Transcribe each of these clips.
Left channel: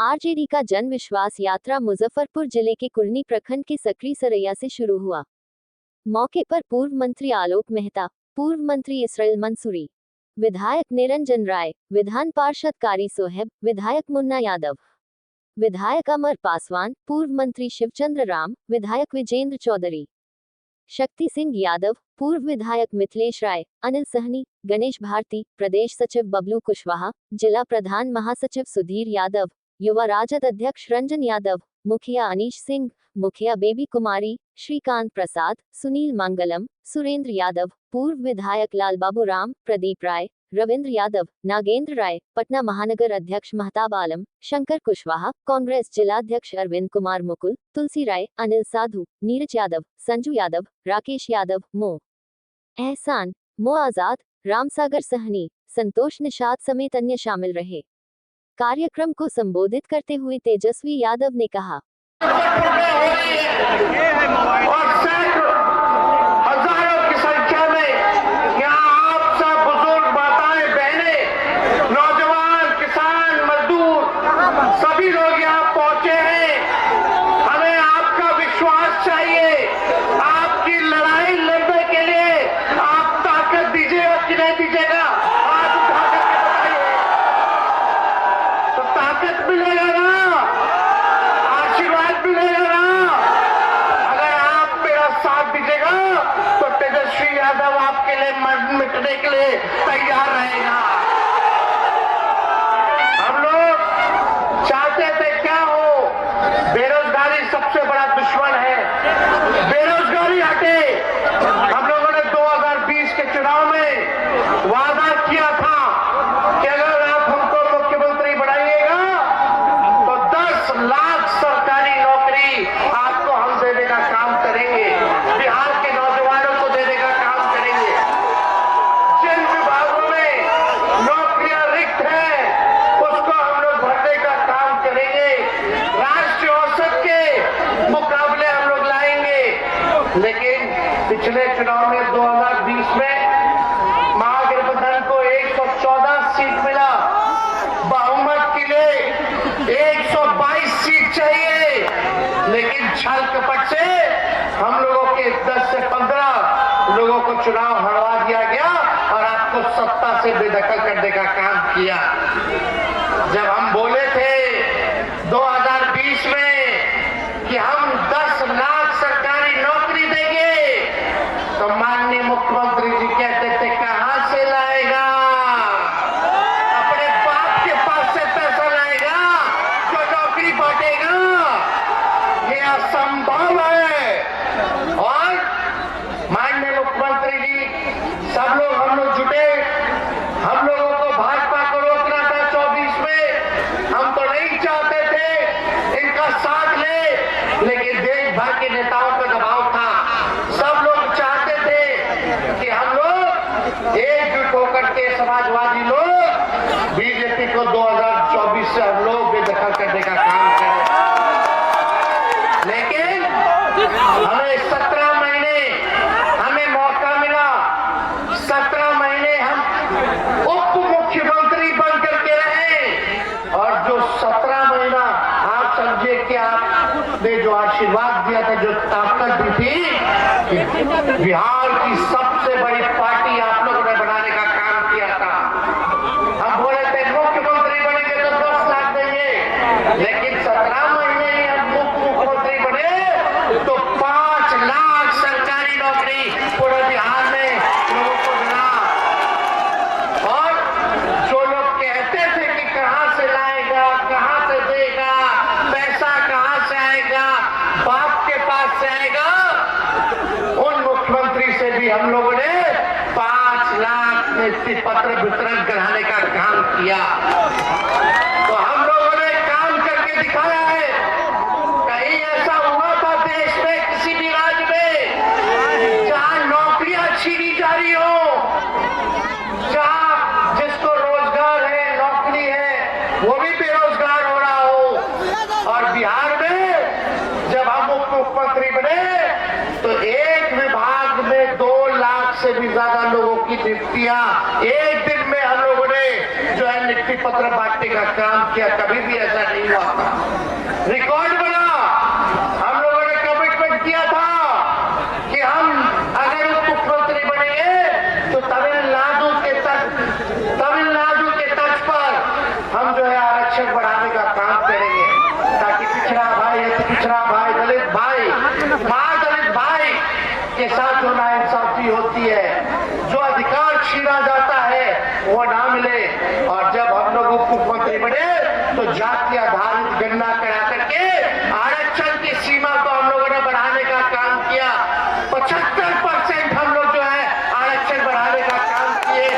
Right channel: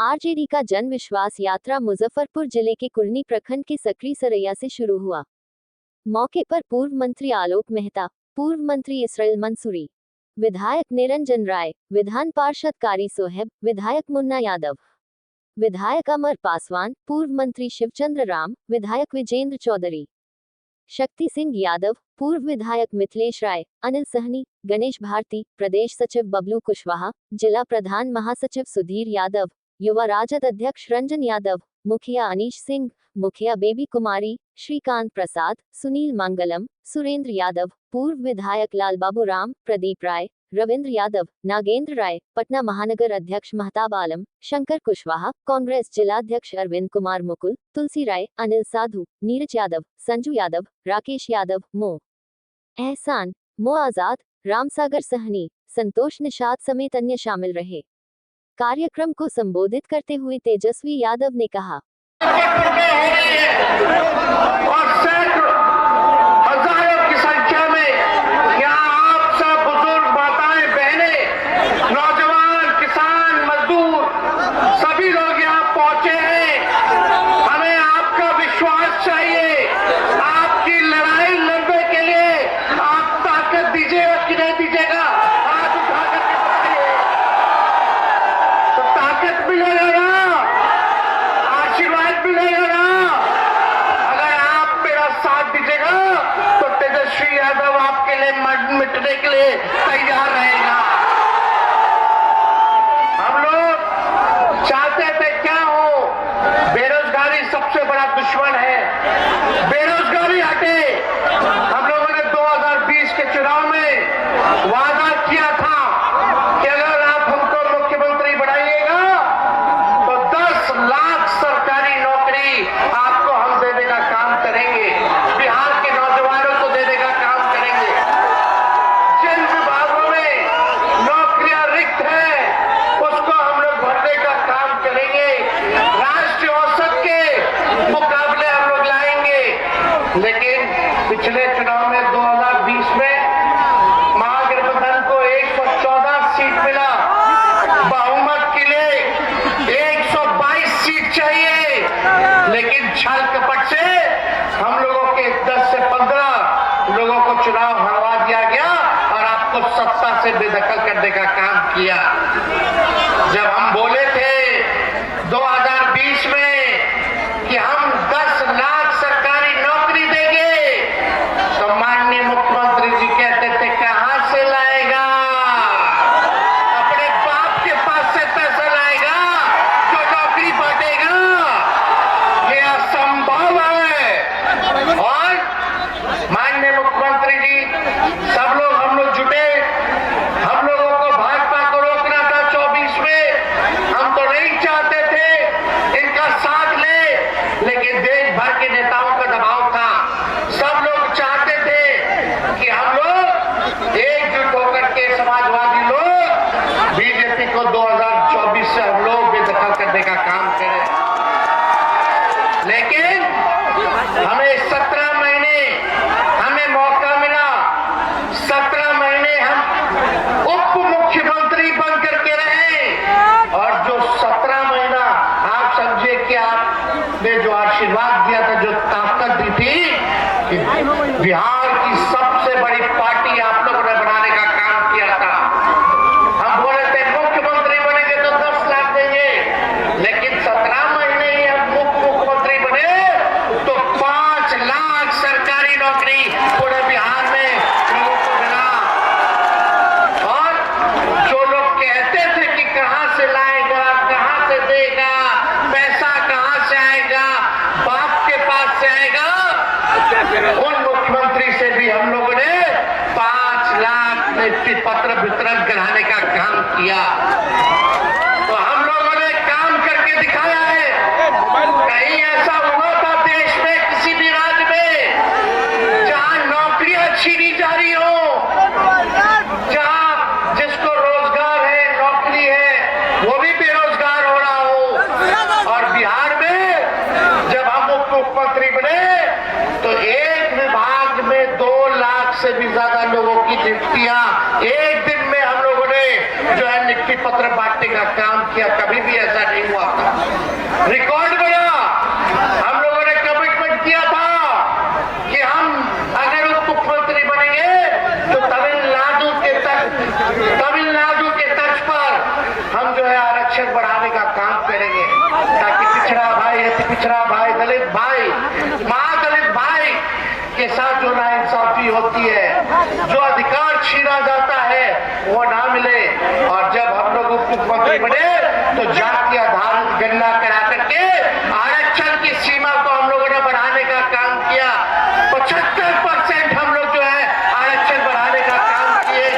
RJD का जन विश्वास यात्रा मुजफ्फरपुर जिले के कुरनी प्रखंड के सकरी सरैया से शुरू हुआ। मौके पर पूर्व मंत्री आलोक मेहता, पूर्व मंत्री इसराइल मंसूरी, विधायक निरंजन राय, विधान पार्षद कारी सोहेब, विधायक मुन्ना यादव, विधायक अमर पासवान, पूर्व मंत्री शिवचंद्र राम, विधायक विजेंद्र चौधरी, शक्ति सिंह यादव, पूर्व विधायक मिथिलेश राय, अनिल सहनी, गणेश भारती, प्रदेश सचिव बबलू कुशवाहा, जिला प्रधान महासचिव सुधीर यादव, युवा राजद अध्यक्ष रंजन यादव, मुखिया अनीश सिंह, मुखिया बेबी कुमारी, श्रीकांत प्रसाद, सुनील मंगलम, सुरेंद्र यादव, पूर्व विधायक लाल बाबू राम, प्रदीप राय, रविंद्र यादव, नागेंद्र राय, पटना महानगर अध्यक्ष महताब आलम, शंकर कुशवाहा, कांग्रेस जिलाध्यक्ष अरविंद कुमार मुकुल, तुलसी राय, अनिल साधु, नीरज यादव, संजू यादव, राकेश यादव, मो एहसान, मो आजाद, रामसागर सहनी, संतोष निषाद समेत अन्य शामिल रहे। कार्यक्रम को संबोधित करते हुए तेजस्वी यादव ने कहा, और सैकड़ों हजारों की संख्या में यहाँ आप सब बुजुर्ग माताएं बहनें, नौजवान, किसान, मजदूर सभी लोग यहाँ पहुंचे हैं। हमें आपका विश्वास चाहिए। आपकी लड़ाई लड़ने के लिए आप ताकत दीजिएगा कि नहीं दीजिएगा, हाथ उठा करके बताइए। तो ताकत मिलेगा ना, आशीर्वाद मिलेगा ना। अगर आप मेरा साथ दीजिएगा तो तेजस्वी यादव आपके लिए मिटने के लिए तैयार रहेगा। हम लोग चाहते थे क्या हो, बेरोजगारी सबसे बड़ा दुश्मन है, बेरोजगारी हटे। हम लोगों ने 2020 के चुनाव में वादा किया था कि अगर आप हमको मुख्यमंत्री बनाइएगा तो 10 लाख सरकारी नौकरी आपको हम देने का काम करेंगे, बिहार के नौजवानों को देने का काम करेंगे। जिन विभागों में नौकरियां रिक्त हैं उसको हम लोग भरने का काम करेंगे, राष्ट्रीय औसत के मुकाबले हम लोग लाएंगे। लेकिन पिछले चुनाव में 2020 में महागठबंधन को 114 सीट मिला, बहुमत के लिए 122 सीट चाहिए, लेकिन छल कपट से हम लोगों के 10 से 15 लोगों को चुनाव हरवा दिया गया और आपको सत्ता से बेदखल करने का काम किया। जब हम बोले थे 2020 में कि हम 10 लाख सरकारी नौकरी देंगे, तो माननीय मुख्यमंत्री जी कहते थे कहां से लाएगा, अपने बाप के पास से पैसा लाएगा जो नौकरी बांटेगा। ये असंभव है। और माननीय मुख्यमंत्री जी, सब लोग हम लोग जुटे, हम लोगों को भाजपा को रोकना था 24 में। हम तो नहीं चाहते थे इनका साथ ले, लेकिन देश भर के नेताओं का दबाव था। सब लोग चाहते थे कि हम लोग एकजुट होकर के समाजवादी लोग बीजेपी को 2024 से हम लोग बेदखल करने का काम करें। लेकिन हमें 17 महीने हमें मौका मिला। 17 महीने हम उप मुख्यमंत्री बन करके रहे, और जो 17 महीना आप समझिए कि आपने जो आशीर्वाद दिया था, जो ताकत दी थी, कि बिहार की सबसे बड़ी पार्टी आप लोगों ने बनाने का काम किया था। हम बोले थे मुख्यमंत्री बनेंगे तो 10 लाख देंगे, लेकिन 17 महीने ही हम मुख्यमंत्री बने तो 5 लाख सरकारी नौकरी पूरे बिहार में लोगों को मिला। और जो लोग कहते थे कि कहां से लाएगा, कहां से देगा, पैसा कहां से आएगा, बाप के पास से आएगा, उन मुख्यमंत्री से भी हम लोगों ने 5 लाख नियुक्ति पत्र वितरण कराने का काम किया। तो हम लोगों ने काम करके दिखाया है। कहीं ऐसा हुआ था देश में किसी भी राज्य में जहां नौकरियां छीनी जा रही हो, जहां जिसको रोजगार है, नौकरी है, वो भी बेरोजगार हो रहा हो। और बिहार में जब हम उप मुख्यमंत्री बने तो एक विभाग में 2 लाख से भी ज्यादा लोगों की नियुक्तियां एक दिन में हम लोगों ने जो है नियुक्ति पत्र बांटने का काम किया, कभी भी ऐसा नहीं हुआ था। रिकॉर्ड बना, हम लोगों ने कमिटमेंट किया था कि हम अगर उप मुख्यमंत्री बनेंगे तो तमिलनाडु के तर्ज पर हम जो है आरक्षण बढ़ाने का काम करेंगे, ताकि पिछड़ा भाई दलित भाई महादलित भाई के साथ जो नाइंसाफी होती है, जो अधिकार छीना जाता है वो ना मिले। और जब हम लोग उप मुख्यमंत्री बने तो जाति आधारित गणना करा करके आरक्षण की सीमा को हम लोगों ने बढ़ाने का काम किया। 75% हम लोग जो है आरक्षण बढ़ाने का काम किए,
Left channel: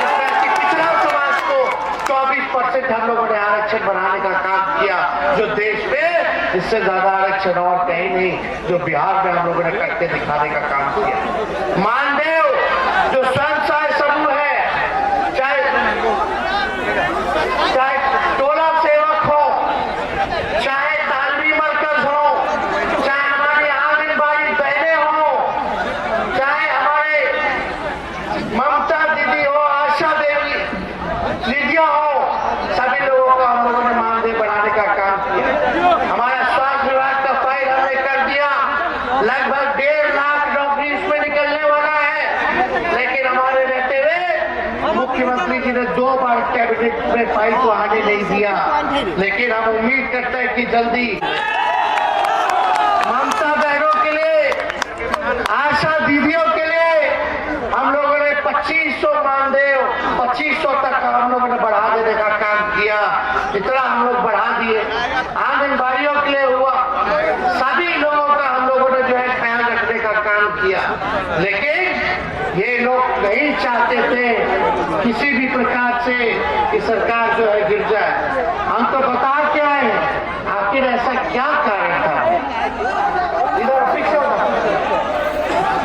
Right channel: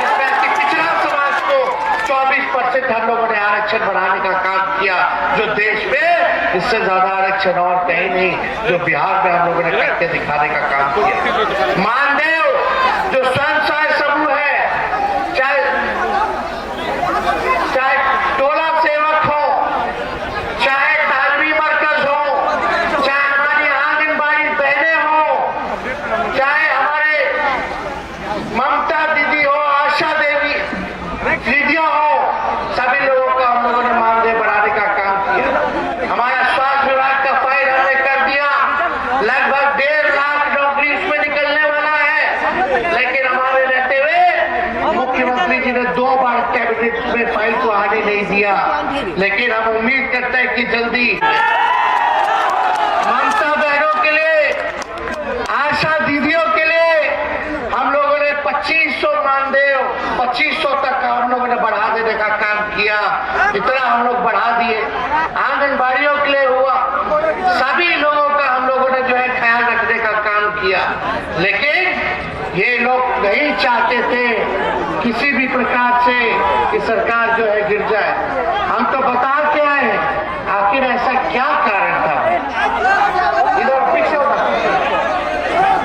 जिसमें पिछड़ा समाज को 24% हम लोगों ने आरक्षण बढ़ाने का काम किया, जो देश में इससे ज्यादा आरक्षण और कहीं नहीं, जो बिहार में हम लोगों ने करके दिखाने का काम किया। मानदेव जो स्वयं सहायता समूह है, चाहे टोला सेवक हो, चाहे तालमी मरकज हो, चाहे हमारी आंगनबाड़ी बहनें हो, चाहे हमारे ममता दीदी हो, आशा देवी दीदियां हो, सभी लोगों का हम लोगों ने मानदेय बढ़ाने का काम किया। हमारा स्वास्थ्य विभाग का फाइल हमने कर दिया, लगभग 1.5 लाख नौकरी इसमें निकलने वाला है। लेकिन हमारे रहते हुए मुख्यमंत्री जी ने 2 बार कैबिनेट में फाइल को आने नहीं दिया, लेकिन हम उम्मीद करते हैं कि जल्दी ममता बहनों के लिए, आशा दीदियों के लिए हम लोगों ने 2500 मानदेय 2500 तक हम लोगों ने बढ़ा देने का काम किया। इतना हम लोग बढ़ा दिए। आंगनबाड़ियों के लिए हुआ, सभी लोगों का हम लोगों ने जो है ख्याल रखने का काम किया। लेकिन ये लोग नहीं चाहते थे किसी भी प्रकार से कि सरकार जो है गिर जाए। हम तो बता के आए आखिर ऐसा क्या कारण था। इधर पीछे होगा,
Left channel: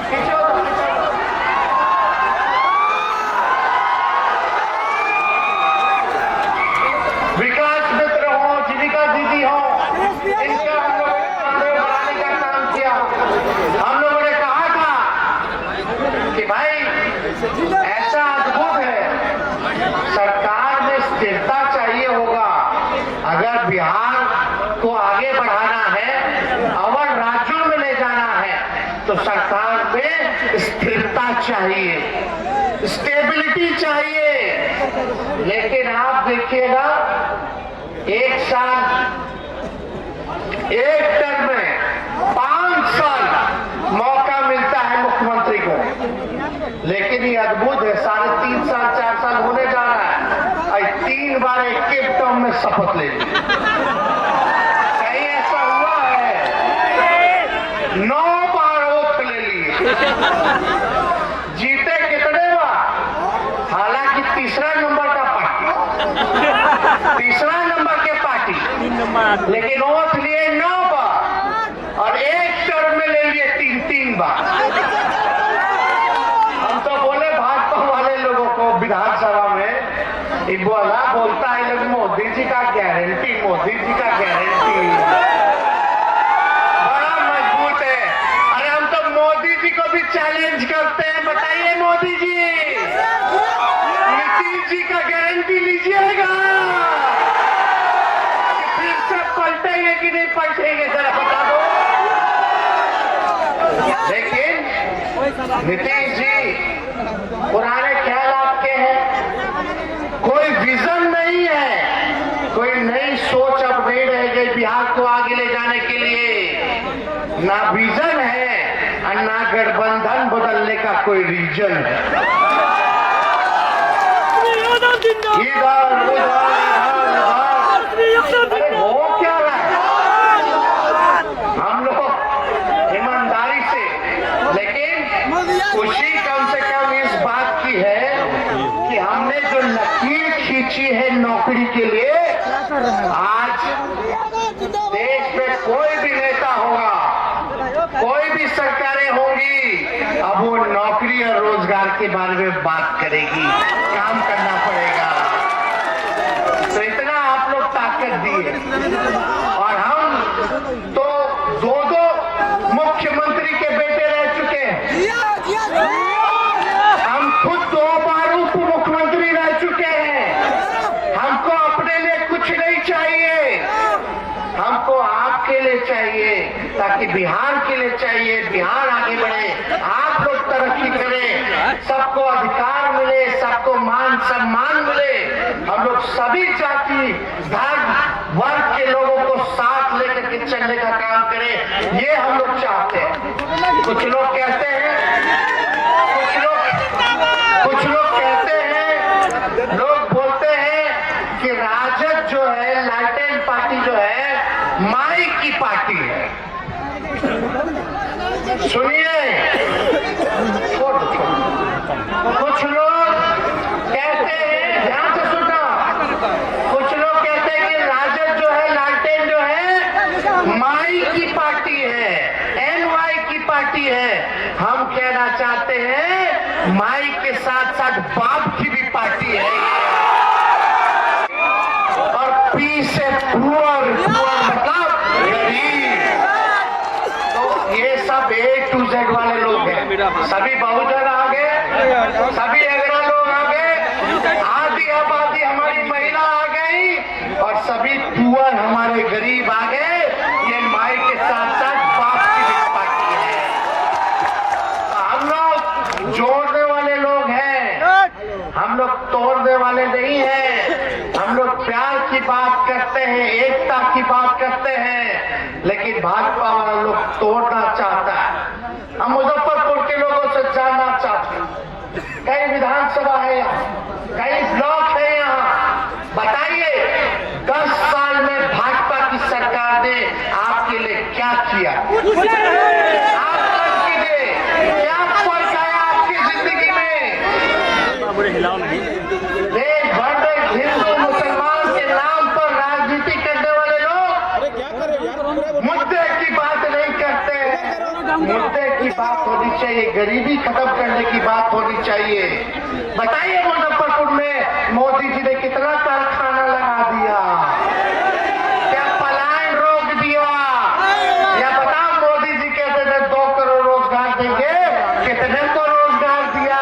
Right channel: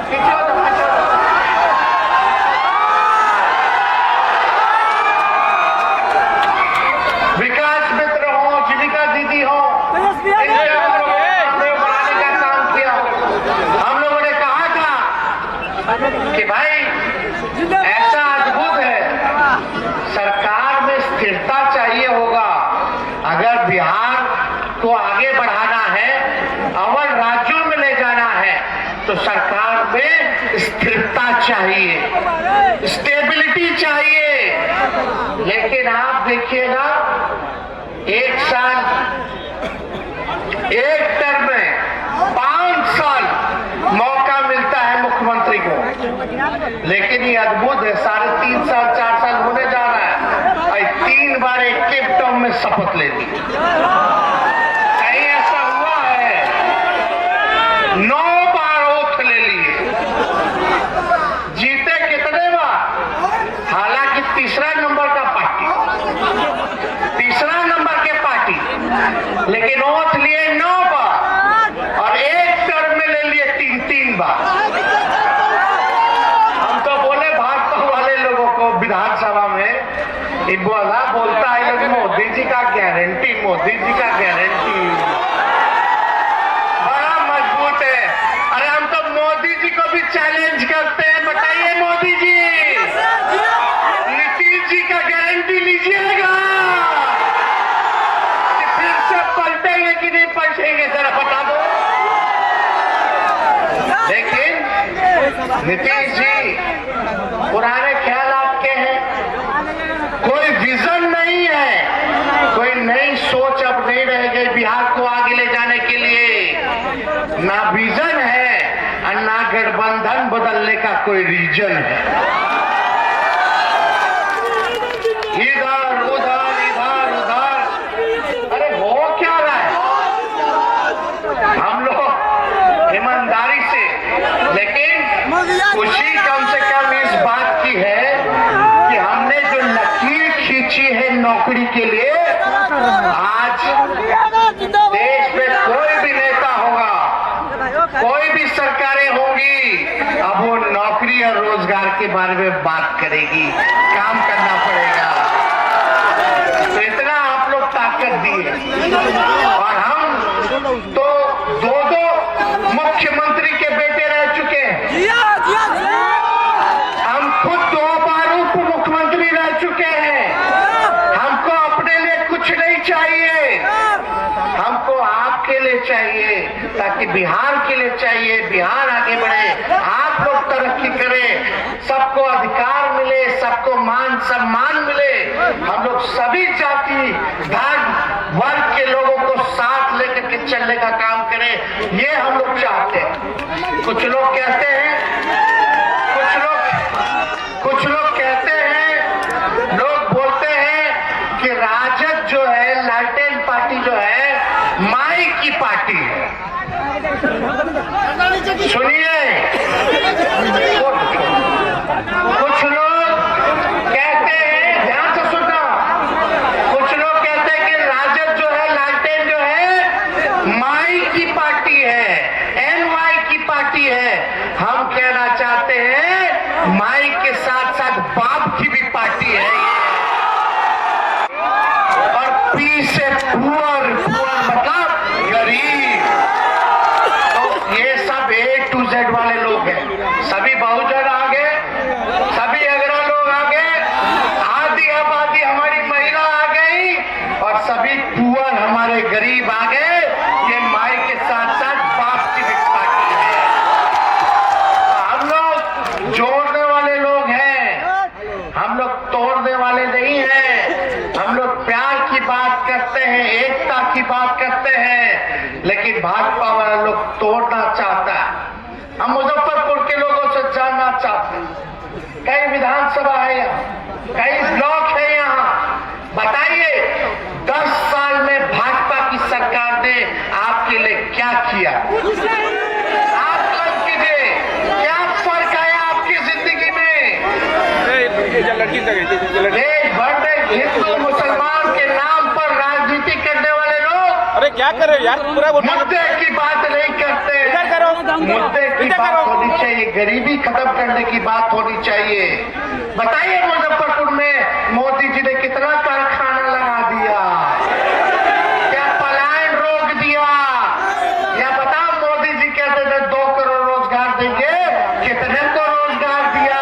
पीछे होगा। विकास मित्र हो, जीविका दीदी हो, इनसे हम लोगों ने मानदेय बढ़ाने का काम किया। हम लोगों ने कहा था कि भाई ऐसा अद्भुत है, सरकार में स्थिरता चाहिए होगा। अगर बिहार को आगे बढ़ाना है, और राज्यों में ले जाना है, तो सरकार में स्थिरता चाहिए, स्टेबिलिटी चाहिए। लेकिन आप देखिएगा, एक साल, एक टर्म में 5 साल मौका मिलता है मुख्यमंत्री को। लेकिन ये अद्भुत है, 3.5 साल 4 साल होने जा रहा है और 3 बार एक टर्म में शपथ ले ली। कहीं ऐसा हुआ है? 9 बार ओथ ले लिए। जीते कितने बार? हालांकि तीसरा नंबर का पार्टी, तीसरा नंबर के पार्टी, लेकिन ओथ लिए 9 बार और एक टर्म में ले लिए 3 बार। हम तो बोले भाजपा वाले लोगों को विधानसभा में, इब्बाला बोलता है लोग मोदी जी का गारंटी, मोदी जी का गारंटी बड़ा मजबूत है। अरे हम तो मोदी जी को भी चैलेंज करते हैं, बताइए मोदी जी, नीतीश जी का गारंटी लीजिएगा कि फिर से पलटेंगे कि नहीं पलटेंगे, जरा बता दो। लेकिन नीतीश जी पुराने ख्याल आपके हैं, कोई विजन नहीं है, कोई नई सोच अब नहीं रह गई बिहार को आगे ले जाने के लिए। ना विजन है और ना गठबंधन बदलने का कोई रीजन है। इधर उधर इधर उधर, अरे हो क्या रहा है? हम लोग ईमानदारी से, लेकिन खुशी कम से कम इस बात की है कि हमने जो लकीर खींची है नौकरी के लिए, आज देश में कोई भी नेता होगा, कोई भी सरकारें होंगी, अब वो नौकरी और रोजगार के बारे में बात करेगी, काम करना पड़ेगा। तो इतना आप लोग ताकत दिए, और हम तो 2 मुख्यमंत्री के बेटे रह चुके हैं। हम खुद 2 बार उप मुख्यमंत्री रह चुके हैं। चाहिए, ताकि बिहार के लिए चाहिए, बिहार आगे बढ़े, आप लोग तरक्की करें, सबको अधिकार मिले, सबको मान सम्मान मिले, हम लोग सभी जाति धर्म वर्ग के लोगों को साथ लेकर के चलने का काम करें, ये हम लोग चाहते हैं। कुछ लोग कहते हैं, कुछ लोग कहते हैं, लोग बोलते हैं कि राजद जो है, लालटेन पार्टी जो है, माई की पार्टी है। सुनिए, कुछ लोग कहते हैं, ध्यान से सुनना, कुछ लोग कहते हैं कि राजद जो है, लालटेन जो है, माई की पार्टी है, NY की पार्टी है। हम कहना चाहते हैं माई के साथ साथ बाप की भी पार्टी है और पी से पुअर मतलब गरीब। तो ये सब A to Z वाले लोग हैं, सभी बहुजन आ गए, सभी अग्रह लोग आ गए, आधी आबादी हमारी महिला आ गई और सभी पुअर हमारे गरीब आ गए। ये माई के साथ साथ बाप की भी पार्टी है। हम लोग जोड़ने वाले लोग हैं, हम लोग तोड़ने वाले नहीं हैं। हम लोग प्यार की बात करते हैं, एकता की बात करते हैं, लेकिन भाजपा वाला लोग तोड़ना चाहता है। हम मुजफ्फरपुर के लोगों से जानना चाहते हैं, कई विधानसभा है यहाँ, कई ब्लॉक है यहाँ, बताइए 10 साल में भाजपा की सरकार ने आपके लिए क्या किया? आप मत कीजिए, क्या फर्क आया आपकी जिंदगी में? देश भर में हिंदू मुसलमान के नाम पर राजनीति करने वाले लोग, अरे क्या करे यार, पूरा मुद्दे की बात नहीं करते। मुद्दे की बात होनी चाहिए, गरीबी खत्म करने की बात होनी चाहिए। बताइए मुजफ्फरपुर में मोदी जी ने कितना कारखाना लगा दिया, क्या पलायन रोक दिया? या बताओ, मोदी जी कहते थे 2 करोड़ रोजगार देंगे, कितने को रोजगार दिया?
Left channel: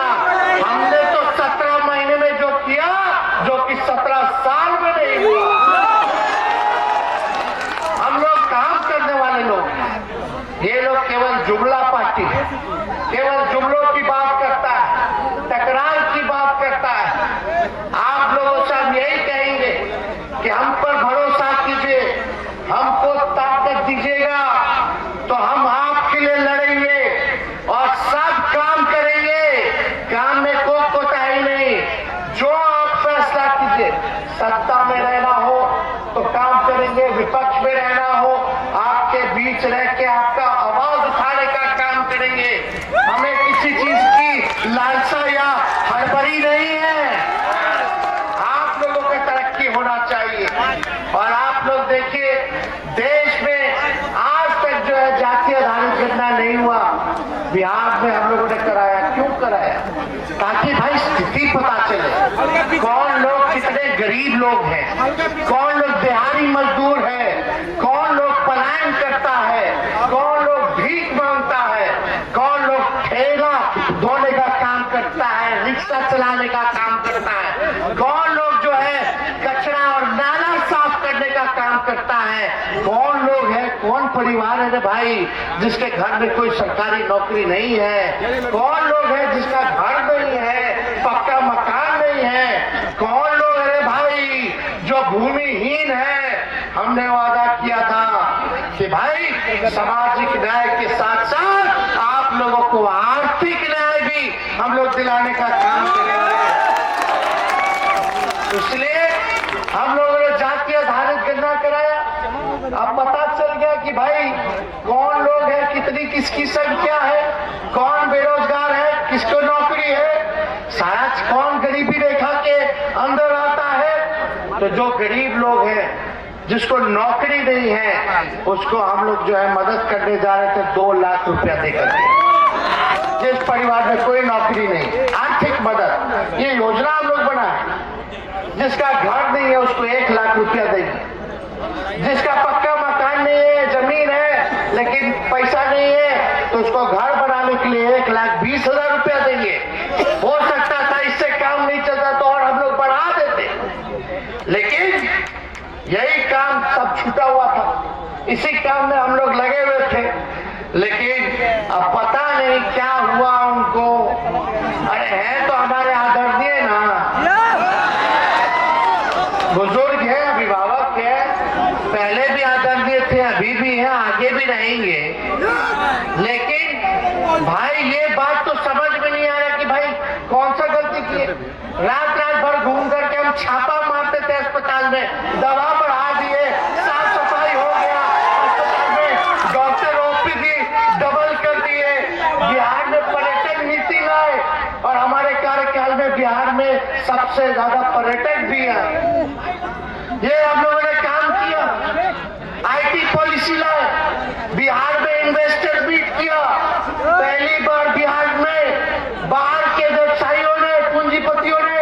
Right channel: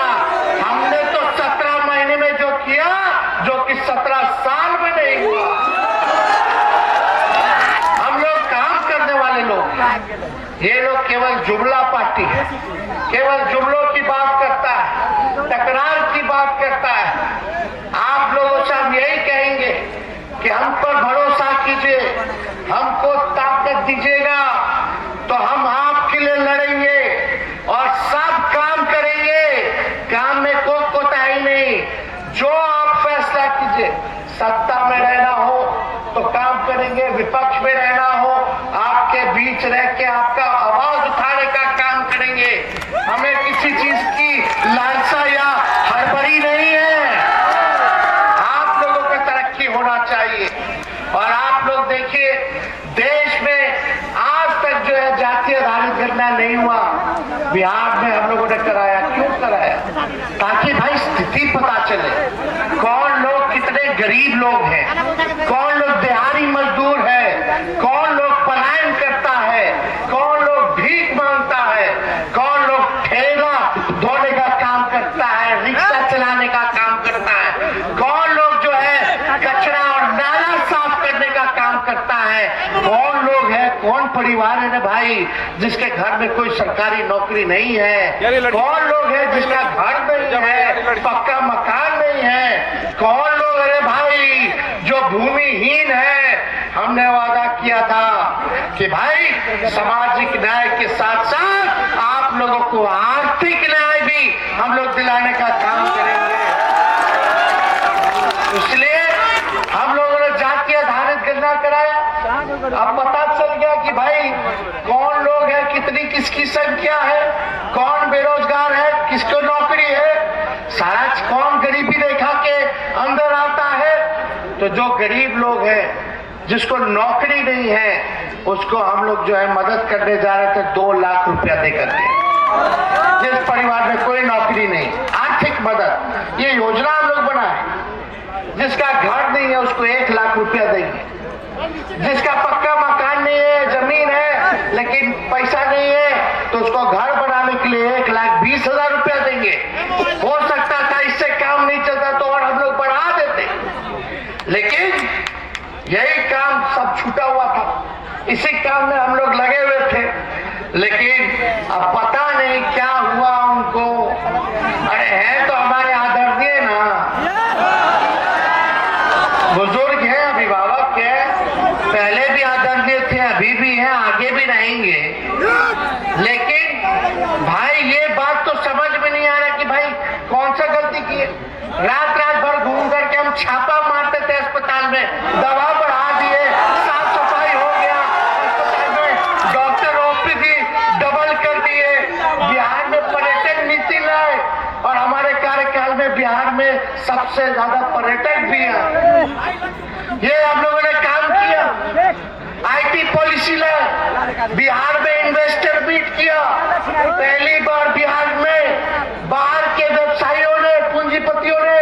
हमने तो 17 महीने में जो किया, जो कि 17 साल में नहीं हुआ। हम लोग काम करने वाले लोग, ये लोग केवल जुमला पार्टी, केवल जुमलों की बात करता है, तकरार की बात करता है। आप लोगों से हम यही कहेंगे कि हम पर भरोसा कीजिए, हमको ताकत दीजिएगा तो हम आपके लिए लड़ेंगे और सब काम करेंगे। काम में कोई कोताही नहीं, जो आप फैसला कीजिए। सत्ता में रहना हो तो काम करेंगे, विपक्ष में रहना हो आपके बीच रह के आपका आवाज उठाने का काम करेंगे। हमें किसी चीज की लालसा या हड़बड़ी नहीं है, आप लोगों का तरक्की होना चाहिए। और आप लोग देखिए, देश में आज तक जो है जातीय आधारित गणना नहीं हुआ, बिहार में हम लोगों ने कराया। क्यों कराया? ताकि भाई स्थिति पता चले, कौन लोग कितने गरीब लोग हैं, कौन लोग दिहाड़ी मजदूर है, कौन लोग पलायन करता है, कौन लोग भीख मांगता है, कौन लोग ठेला धोने का काम करता है, रिक्शा चलाने का काम करता है, कौन लोग जो है कचरा और नाला साफ करने का काम करता है, कौन लोग है, कौन परिवार है भाई जिसके घर में कोई सरकारी नौकरी नहीं है, कौन लोग है जिसका घर नहीं है, पक्का मकान नहीं है, कौन लोग है भाई जो भूमिहीन है। हमने वादा किया था कि भाई सामाजिक न्याय के साथ साथ आप लोगों को आर्थिक न्याय भी हम लोग दिलाने का काम करेंगे। इसलिए हम लोगों ने जातीय आधारित गणना कराया। अब पता चल गया कि भाई कौन लोग है, कितनी किसकी संख्या है, कौन बेरोजगार है, किसको नौकरी है, सारा कौन गरीबी रेखा के अंदर आता है। तो जो गरीब लोग हैं, जिसको नौकरी नहीं है, उसको हम लोग जो है मदद करने जा रहे थे 2 लाख रुपया देकर के। जिस परिवार में कोई नौकरी नहीं, आर्थिक मदद, ये योजना हम लोग बनाए। जिसका घर नहीं है उसको 1 लाख रुपया देंगे, जिसका पक्का मकान नहीं है, जमीन है लेकिन पैसा नहीं है, तो उसको घर बनाने के लिए 1,20,000 रुपया देंगे। हो सकता था इससे काम नहीं चलता तो और हम लोग बढ़ा देते, लेकिन यही काम सब छूटा हुआ था। इसी काम में हम लोग लगे हुए थे, लेकिन अब पता नहीं क्या हुआ उनको। अरे है तो हमारे आदरणीय ना, बुजुर्ग है, अभिभावक है, पहले भी आदरणीय थे, अभी भी हैं, आगे भी रहेंगे। लेकिन भाई ये बात तो समझ में नहीं आ रहा कि भाई कौन सा गलती की है। रात रात भर घूम करके हम छापा मारते थे अस्पताल में, दवा बढ़ा दिए, साफ सफाई हो गया अस्पताल में, डॉक्टर ओपीडी डबल कर दिए, बिहार में पर्यटन नीति लाए और हमारे कार्यकाल में बिहार में सबसे ज्यादा पर्यटक भी है। ये हम लोगों ने काम किया। आईटी पॉलिसी लाए, बिहार में इन्वेस्टर मीट किया, पहली बार बिहार में बाहर के व्यवसायियों ने, पूंजीपतियों ने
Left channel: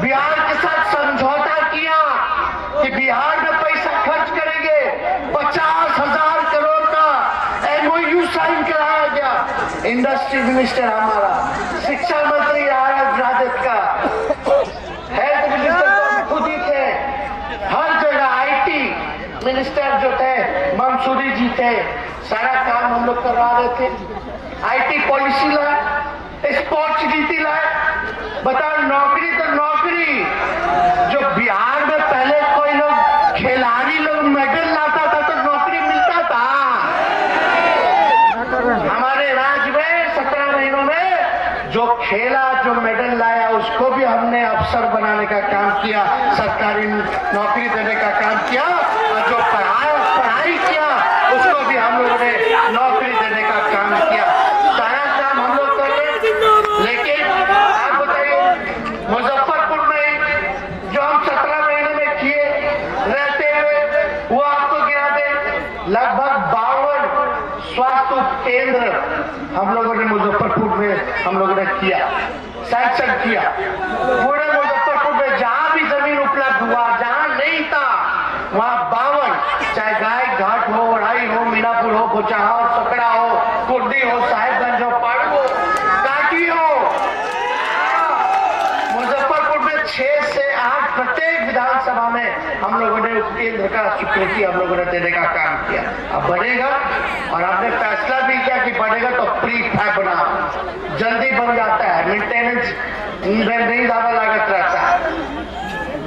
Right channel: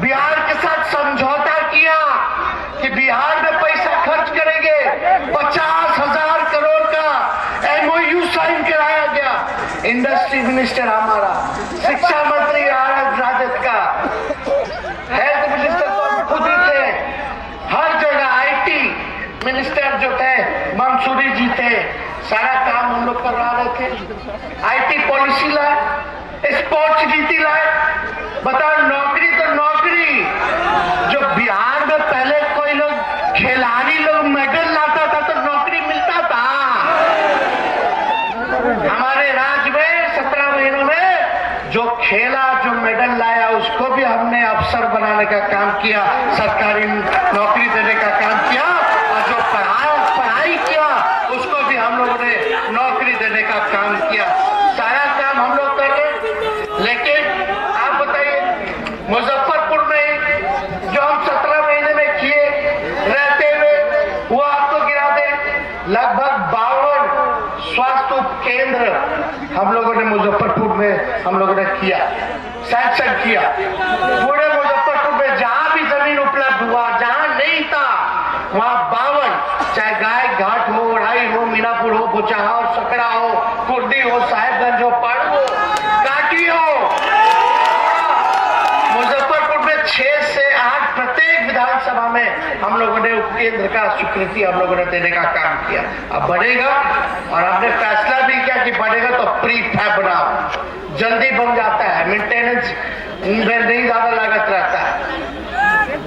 बिहार के साथ समझौता किया कि बिहार में पैसा खर्च करेंगे। 50,000 करोड़ का एमओयू साइन कराया गया। इंडस्ट्री मिनिस्टर हमारा, शिक्षा मंत्री राजद का, हेल्थ मिनिस्टर तो खुद ही थे, हर जगह आईटी मिनिस्टर जो थे मंसूरी जी थे, सारा काम हम लोग करवा रहे थे। आईटी पॉलिसी लाए, स्पोर्ट्स नीति लाए। बताओ, नौकरी तो नौकरी, जो बिहार में पहले कोई लोग खिलाड़ी लोग मेडल लाता था तो नौकरी मिलता था। हमारे राज्य में 17 महीनों में जो खेला, जो मेडल लाया, उसको भी हमने अफसर बनाने का काम किया, सरकारी नौकरी देने का काम किया, और जो पढ़ाई किया उसको भी हम लोगों ने नौकरी देने का काम किया। सारा काम हम लोग कर रहे। लेकिन आप बताइए, मुजफ्फरपुर में जो हम 17 महीने में किए रहते हुए, वो आपको गिरा दे। लगभग 52 स्वास्थ्य केंद्र हम लोगों ने मुजफ्फरपुर में हम लोगों ने किया, सैंक्शन किया। पूरे मुजफ्फरपुर में जहां भी जमीन उपलब्ध हुआ, जहां नहीं था, वहां 52, चाहे गाय घाट हो, ओढ़ाई हो, मीनापुर हो, बोचाहा हो, सकड़ा हो, कुर्दी हो, साहेबगंज हो, पाड़ू हो, काटी हो, मुजफ्फरपुर में 6 से 8 प्रत्येक विधानसभा में हम लोगों ने उपकेंद्र का स्वीकृति हम लोगों ने देने का काम किया। अब बढ़ेगा, और हमने फैसला भी किया कि बढ़ेगा तो प्री फैब बनाओ, जल्दी बन जाता है, मेंटेनेंस नहीं ज्यादा लागत रहता है।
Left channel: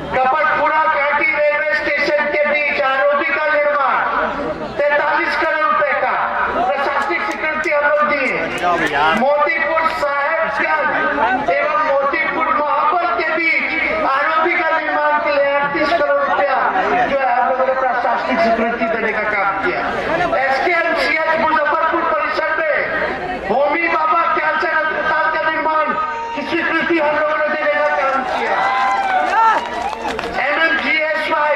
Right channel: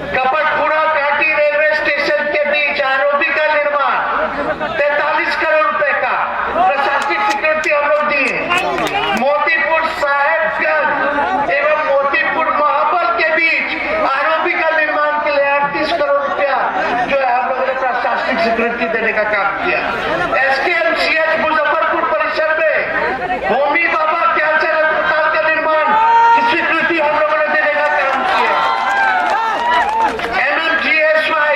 कपटपुरा काटी रेलवे स्टेशन के बीच आरओबी का निर्माण 43 करोड़ रुपए का प्रशासनिक स्वीकृति हम लोग दी। मोतीपुर साहेबगंज एवं मोतीपुर महाबल के बीच आरओबी का निर्माण के लिए 38 करोड़ रुपया जो है हम लोगों ने प्रशासनिक स्वीकृति देने का काम किया। एसकेएमसीएच मुजफ्फरपुर परिसर में होमी बाबा कैंसर अस्पताल का निर्माण की स्वीकृति हम लोगों ने देने का काम किया। MMGSY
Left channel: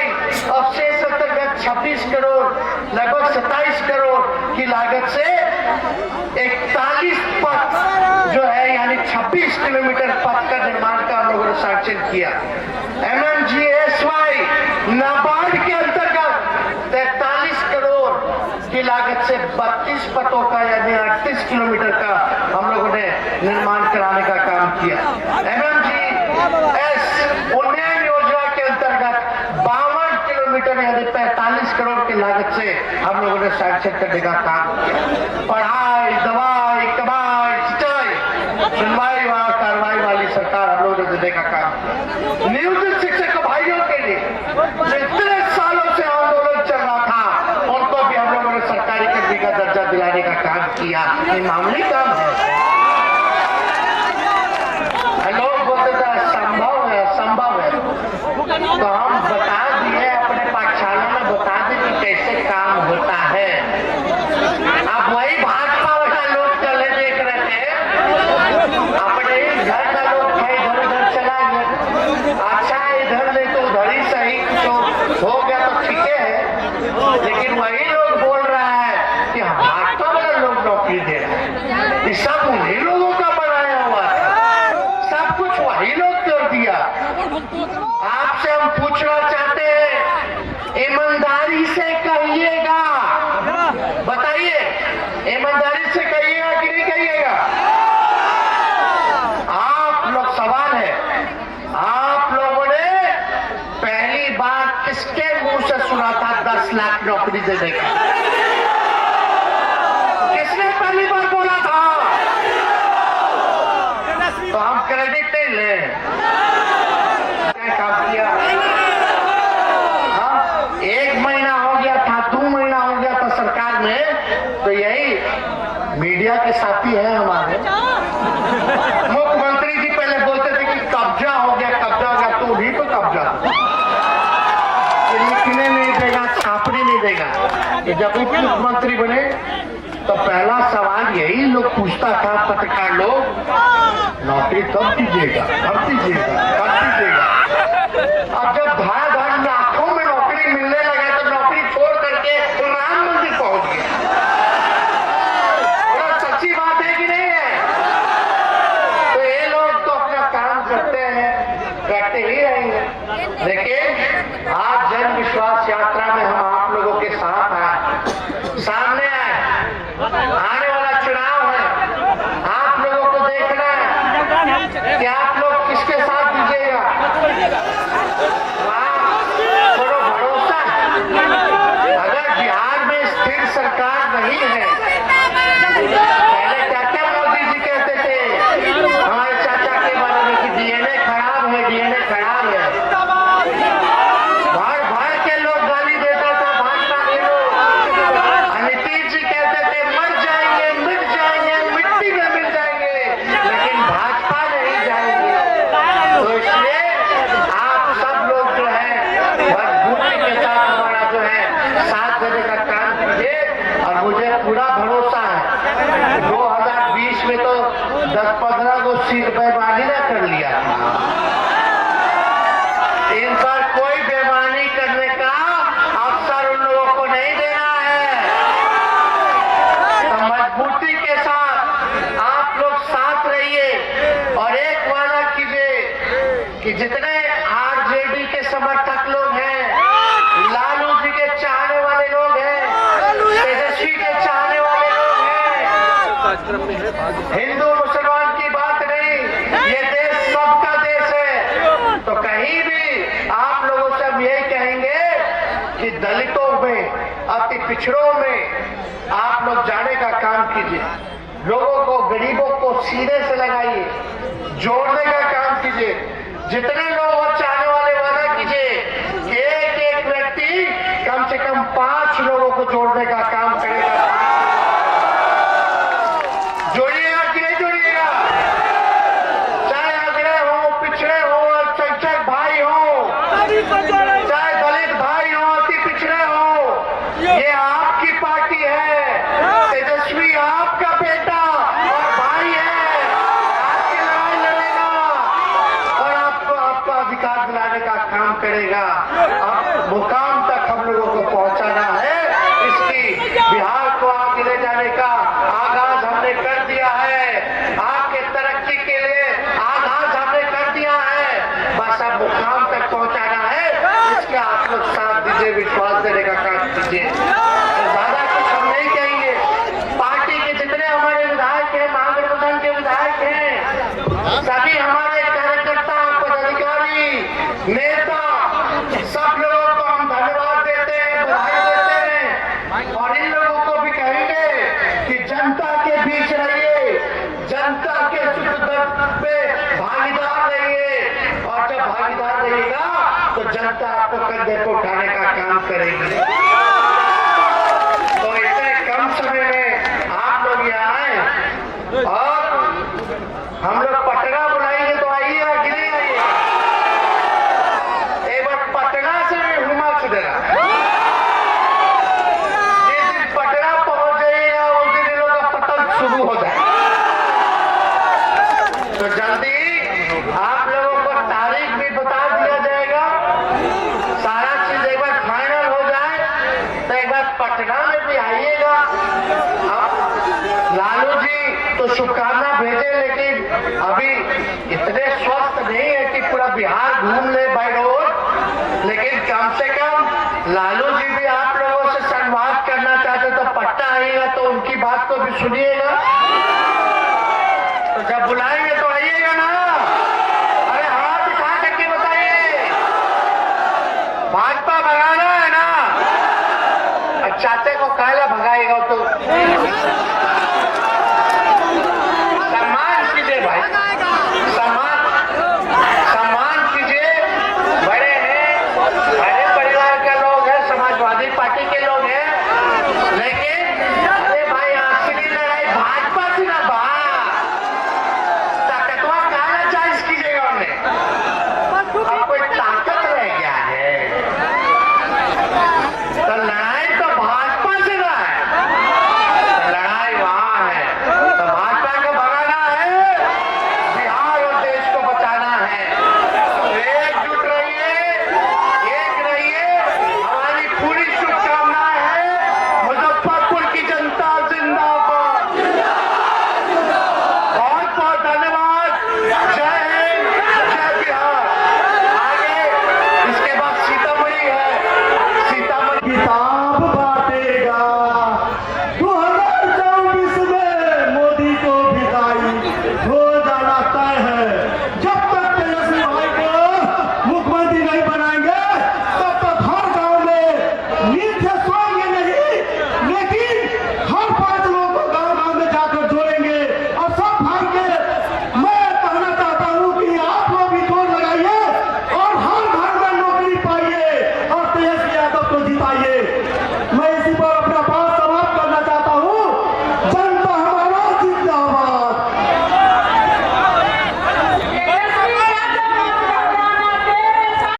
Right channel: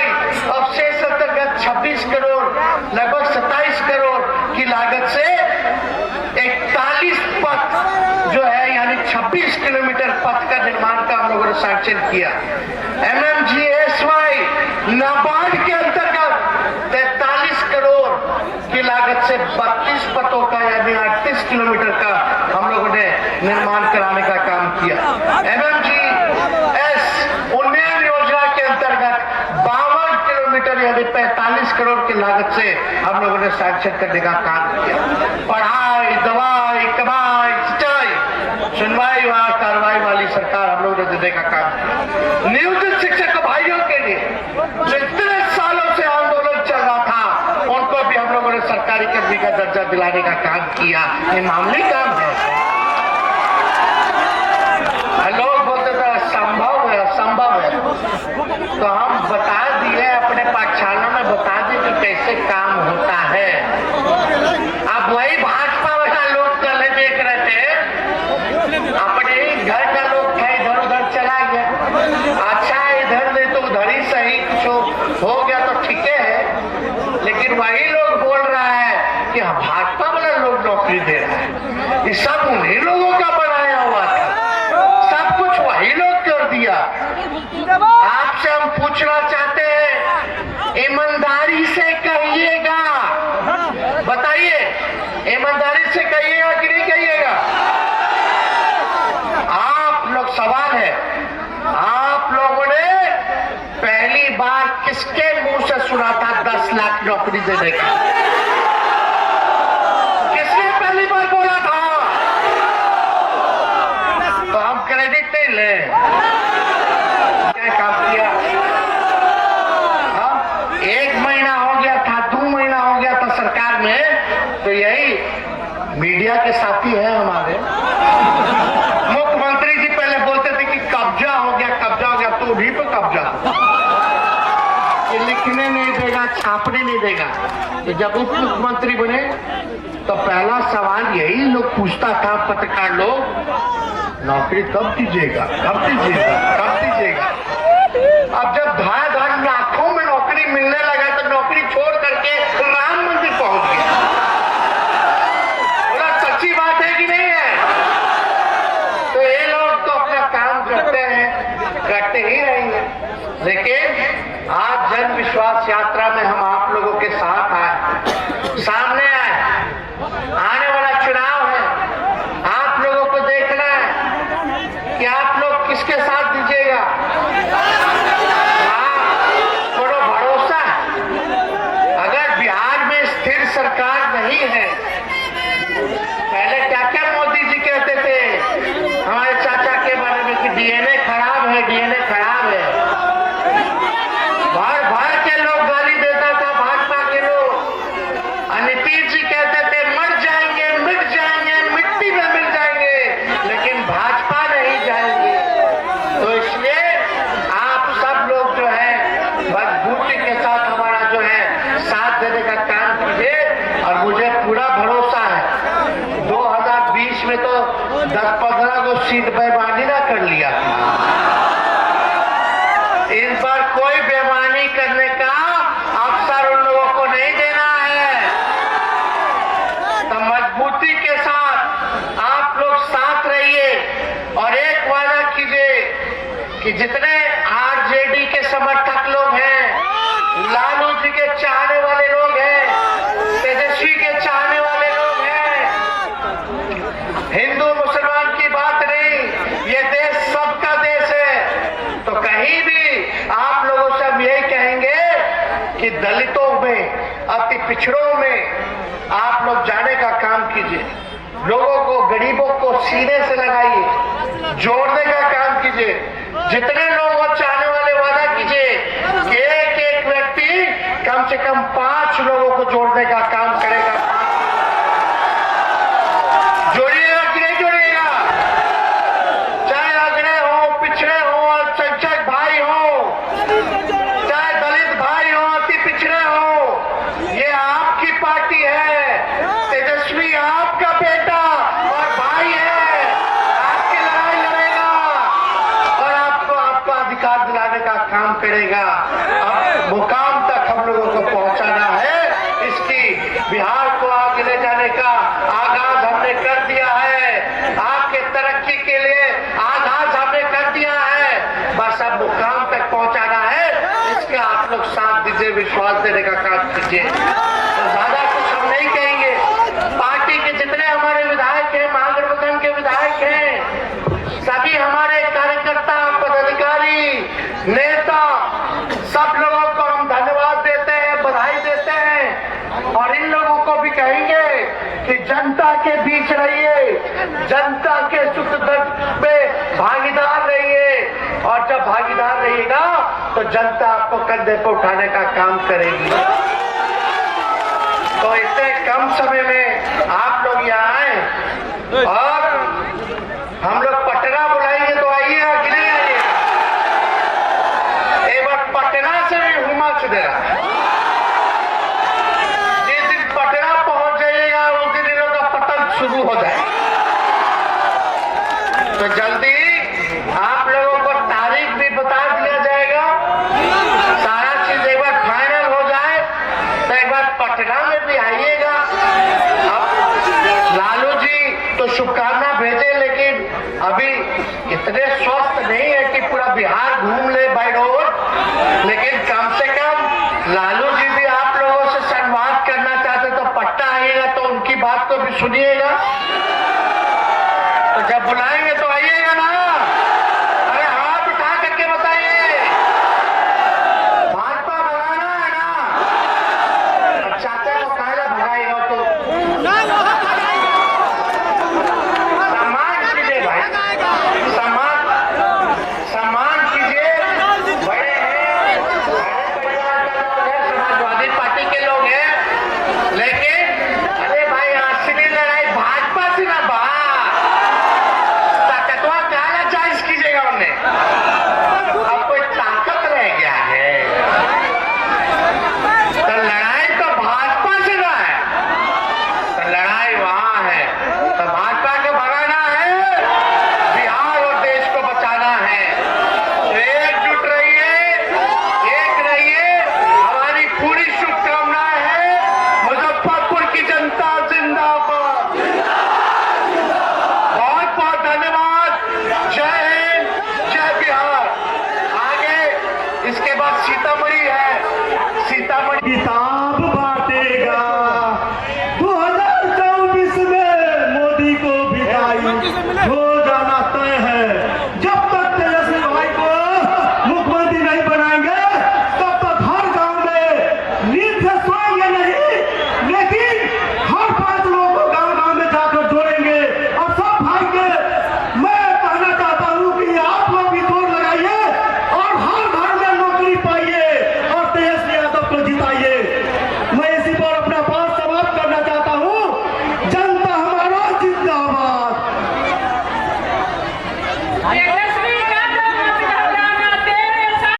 अवशेष अंतर्गत 26 करोड़, लगभग 27 करोड़ की लागत से 41 पथ जो है, यानी 26 किलोमीटर पथ का निर्माण का हम लोगों ने सैंक्शन किया। MMGSY नाबार्ड के अंतर्गत 43 करोड़ की लागत से 32 पथों का, यानी 38 किलोमीटर का हम लोगों ने निर्माण कराने का काम किया। MMGS उन्नयन योजना के अंतर्गत 52 किलोमीटर, यानी 45 करोड़ की लागत से हम लोगों ने सैंक्शन करने का काम किया। पढ़ाई, दवाई, कमाई, सिंचाई, सुनवाई व कार्रवाई वाली सरकार हम लोगों ने देने का काम किया। नियोजित शिक्षक भाइयों के लिए जो इतने सालों से आंदोलन चल रहा था, उनको भी हम लोगों ने सरकारी कर्मी का दर्जा दिलाने का काम किया। ये मामूली काम है। लोग बोलते थे संभव है, संभव है, तो हम बता दिए, अपने पाठशाला में बता दिए कि कैसे काम होता है। अब वही भाजपा वाला लोग चले देख रहे थे, अपने घर का लोग थे, इधर उधर चला गया। अच्छा, इधर नहीं तो उधर ही सही, कुछ हो गया तो ठीक है। लेकिन वही लोग बोल रहा है कि भाजपा वाला लोग नौकरी दे रहा है, ये सब उन्हीं लोगों का बनाया हुआ था, सब कुछ वही लोग कर दिया। आपसे हम पूछना चाहते हैं, ईमानदारी से कहिएगा, बताइए, ईमानदारी से कहिएगा कि नहीं कहिएगा? आप लोग, सवाल है, आप लोगों ने पहली बार किसके मुंह से सुना था 10 10 लाख नौकरी देने का। किसने पहली बार बोला था? तो हम क्रेडिट नहीं ले। क्या काम किया? हाँ, 1 महीना हो गया था, 2 महीना हो गया था सरकार में, तो यही मीडिया के साथी हैं हमारे। मुख्यमंत्री जी पहले बोलते थे कि कब्जा हो गया, तो उन्हीं पर कब्जा। ये लिखने नहीं देगा, छापने नहीं देगा। तो जब उप मुख्यमंत्री बने तो पहला सवाल यही लोग पूछता था, पत्रकार लोग, नौकरी कब दीजिएगा, कब दीजिएगा, कब दीजिएगा। अब जब धाड़ लाखों में नौकरी मिलने लगा तो नौकरी छोड़ करके राम मंदिर पहुंच गया। बोला सच्ची बात है कि नहीं है? तो ये लोग तो अपना काम करते हैं, करते ही रहेंगे। लेकिन आज जन विश्वास यात्रा में हम आप लोगों के साथ आए, सामने आए। आने वाला चुनाव है, आप लोगों को देखना है कि आप लोग किसके साथ दीजिएगा। थोड़ा भरोसा है। अगर बिहार में स्थिर सरकार नहीं है, पहले क्या क्या मोदी जी कहते थे हमारे चाचा के बारे में कि डीएनए खराब है, डीएनए खराब है। भर भर के लोग गाली देता था भाजपा के लोग। नीतीश जी कहते थे मर जाएंगे, मिट जाएंगे, मिट्टी में मिल जाएंगे, लेकिन भाजपा नहीं जाएंगे। तो इसलिए आप सब लोग जो है मजबूती के साथ हमारा जो है साथ देने का काम कीजिए। और मुझे पूरा भरोसा है 2020 में तो 10-15 को सीट बेईमानी ना कर लिया। इन पर कोई बेईमानी करने का अवसर उन लोगों को नहीं देना है। तो मजबूती के साथ आप लोग साथ रहिए और एक वादा कीजिए कि जितने आरजेडी के समर्थक लोग हैं, लालू जी के चाहने वाले लोग हैं, तेजस्वी के चाहने वाले लोग हैं, हिंदू मुसलमान की बात नहीं, ये देश सबका देश है। तो कहीं भी आप लोगों से हम यही कहेंगे कि दलितों में, अति पिछड़ों में आप लोग जाने का काम कीजिए। लोगों को, गरीबों को सीने से लगाइए, जोड़ने का काम कीजिए। जितने लोग वो चाहने वाले वादा कीजिए कि एक एक व्यक्ति कम से कम 5 लोगों को जोड़ने का काम करेगा। जोड़िएगा कि नहीं जोड़िएगा? चाहे अग्रह हो, पिछड़े हो, अल्पसंख्यक भाई हो, चाहे दलित भाई हो, अति पिछड़े हो, ये आपकी पार्टी है। तेजस्वी आपका बेटा और भाई है, आपकी लड़ाई लड़ेगा और आपको आपका अधिकार दिलाने का काम करेगा। अब मुकाम तक हम लोगों को पहुंचाना है। इसकी बिहार को आगे ले जाने का आगाज हमने कर दिया है। आपके तरक्की के लिए आगाज हमने कर दिया है। बस अब मुकाम तक पहुंचाना है। इसका आप लोग साथ दीजिए, विश्वास देने का काम कीजिए। तो ज्यादा कुछ हम नहीं कहेंगे। पार्टी के जितने हमारे विधायक हैं, महागठबंधन के विधायक हैं, सभी हमारे कार्यकर्ता, पदाधिकारी, नेता, सब लोगों को हम धन्यवाद देते हैं, बधाई देते हैं। और इन लोगों को भी कहेंगे कि जनता के बीच रहिए, जनता के सुख दुख में भागीदार रहिए। और जब भागीदार रहिएगा तो जनता आपको कंधे पर उठाने का काम करेगी। तो इतने कम समय में आप लोग यहाँ आए और हम लोग पटना बुलाएंगे तो आइएगा कि नहीं आइएगा? एक बार पटना से भी हुमाच देना। जिस दिन पटना पहुंच जाइएगा उस दिन इन लोग का पतन शुरू हो जाए। तो जल्दी आप लोगों को तारीख भी बता दिया जाएगा। सारा चीज एक बार फाइनल हो जाए तो एक बार पटना में भी आइएगा। अब लालू जी तो शुभकामना भेजे, लेकिन अभी इतने स्वस्थ नहीं है कि पूरा बिहार घूम ले बाय रोड। लेकिन कम से कम लालू जी भी आप लोगों से संवाद करना चाहते तो पटना आइएगा तो उनकी बात को भी सुनिएगा। तो जब बुलाएंगे तो आइएगा ना। अरे हाथ उठा करके बताइए, भाजपा भगाना है ना? के लोग हैं